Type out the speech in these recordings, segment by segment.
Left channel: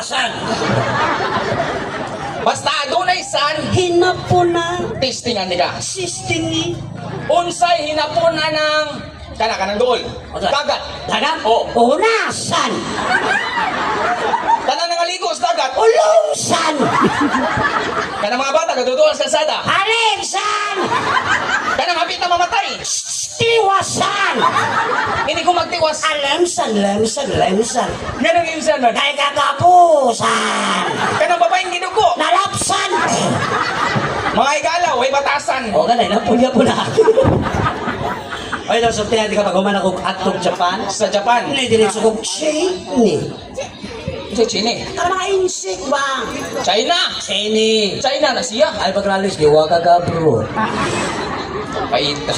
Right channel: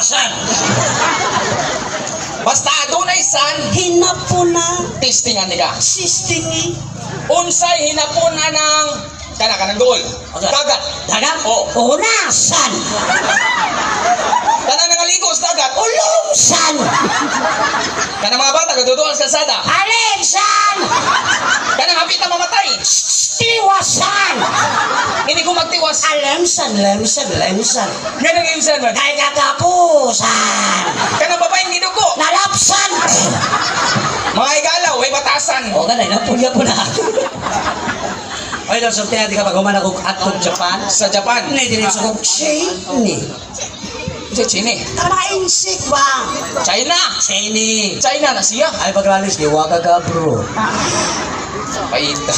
San? Basta adunay san, Hinapuna. testingan ni ka. Sistingi. Unsay hinapuna ng kanang duol. Dagat. Dagat? Oo. Unasan. Kanang nangaligo sa dagat. Ulungsan. Kanang mga bata gaduduan sa kalsada. Alinsan. Kanang hapit na mamatay. Tiwasan. Hindi ko magtiwas. Lemsan. Ganang insan man. Kay katapusan. Kanang babaeng gidugo. Nalapsan. Mga igalaw, ay batasan. O ganay na po na. Oy, daw so tinati ka pag humana kog atog Japan. Sa Japan. Ni diretso kog Chini. Sa China. Tara mga insik ba? China. Chini. China na siya. Ay pagralis giwa ka ka bro. Paita.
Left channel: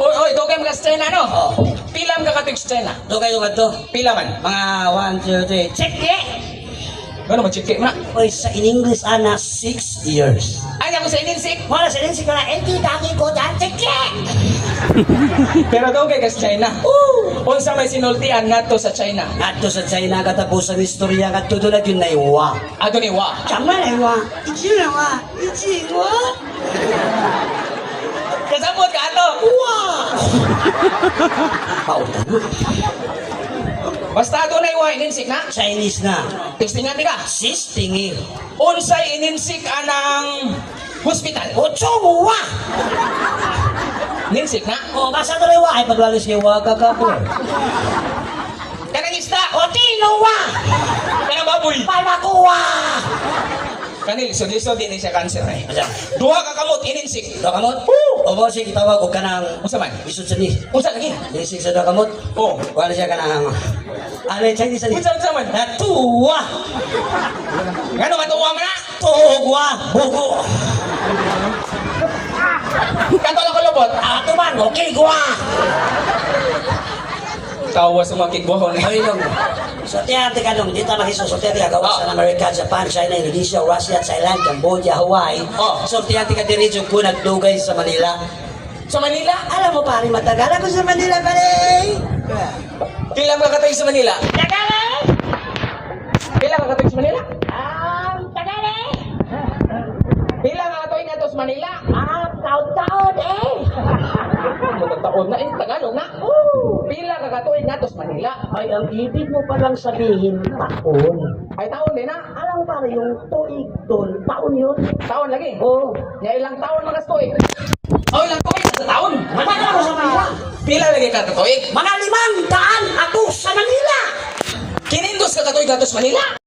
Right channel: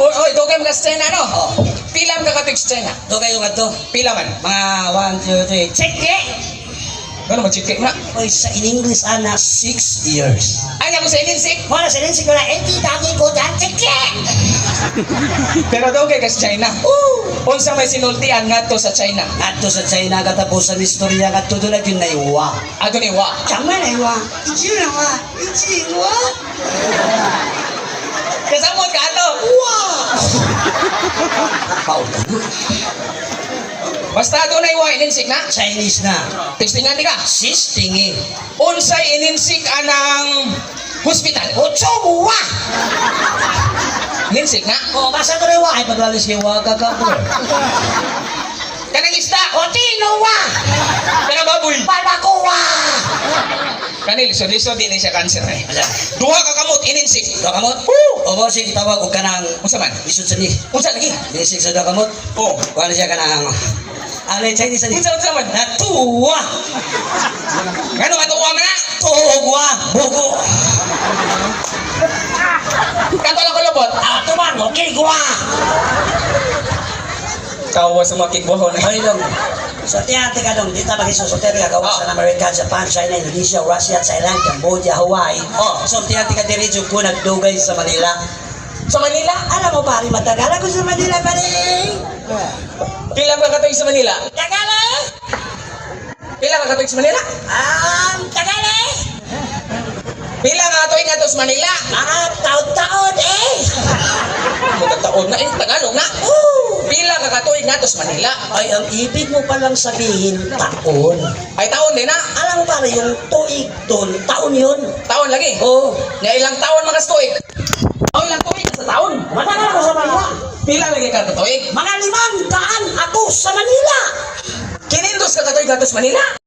Oy, dugay mga sa China, no? Oh. Pilam ka katig sa China. To kayo kadto. Pila man. Mga 1 2 3. Check it. Ano mag-check na? Oy sa in English ana 6 years. Ay, ako sa ininsik. Wala sa din siguro edi dagi ko dan check it. Pero dugay ka sa China. Unsa may sinultian ngadto sa China? Adto sa China katapusan istorya kadto dula yun na iwa. Adto ni wa. Chama na iwa. Ichiwa. Kasabot ka ato. Pautan. Basta adto na wa ininsik na. Chinese na. Testingan di ka. Sistingi. Unsay ininsik anang hospital. Ochongwa. Ininsik na. O basa to rewa ay paglalis giwa ka ka bro. Kanang isda. Otinowa. Kanang baboy. Palakuwa. Kani lisod-lisod di siya cancer eh. Asa? Duha ka kamot ininsik. Do kamot? O mo sige tawag og kanang Unsa man? isod sa ni. Unsa lagi? Disig sa do kamot. Oh. Wala siya kanang Ale Chinese ni. Unsa man? Natuwa. Ngano nga tuwa man na? Tugwa. Bugo. Kanto lang kalobot. Ato man mo kigwa. Kawa sa mga kigbuhon. Ay dong. So tiyate ka dong dita magisusote ka gawas sa America, Japan, China, Indonesia, Russia, Thailand, Cambodia, Hawaii. Oh. So tiyate ka diretso ko nagdugay sa Manila. Sa Manila? Alam mo pare, matagal ako sa Manila pare. Pila ka katoy sa Manila? Tagal eh. Pila ka katoy sa Manila? Tagal eh. Pila nga katoy nga to sa Manila? Mga taon-taon eh. Magkataon na eh, Tagalog na. Pila ka katoy nga to sa Manila? Ay, ang ibig mo palang sabihin, taon. Ay taon din na. Alam mo pare, yung tuig doon, taon yun. Taon lagi. Oo. Nga ilang taon mga stoik? Oh, ilang tuig sa taon? Matagal ako sa Manila. Pila lagi ka katoy? Mga 500 ako sa Manila. Kinindos ka katoy ka to sa Manila?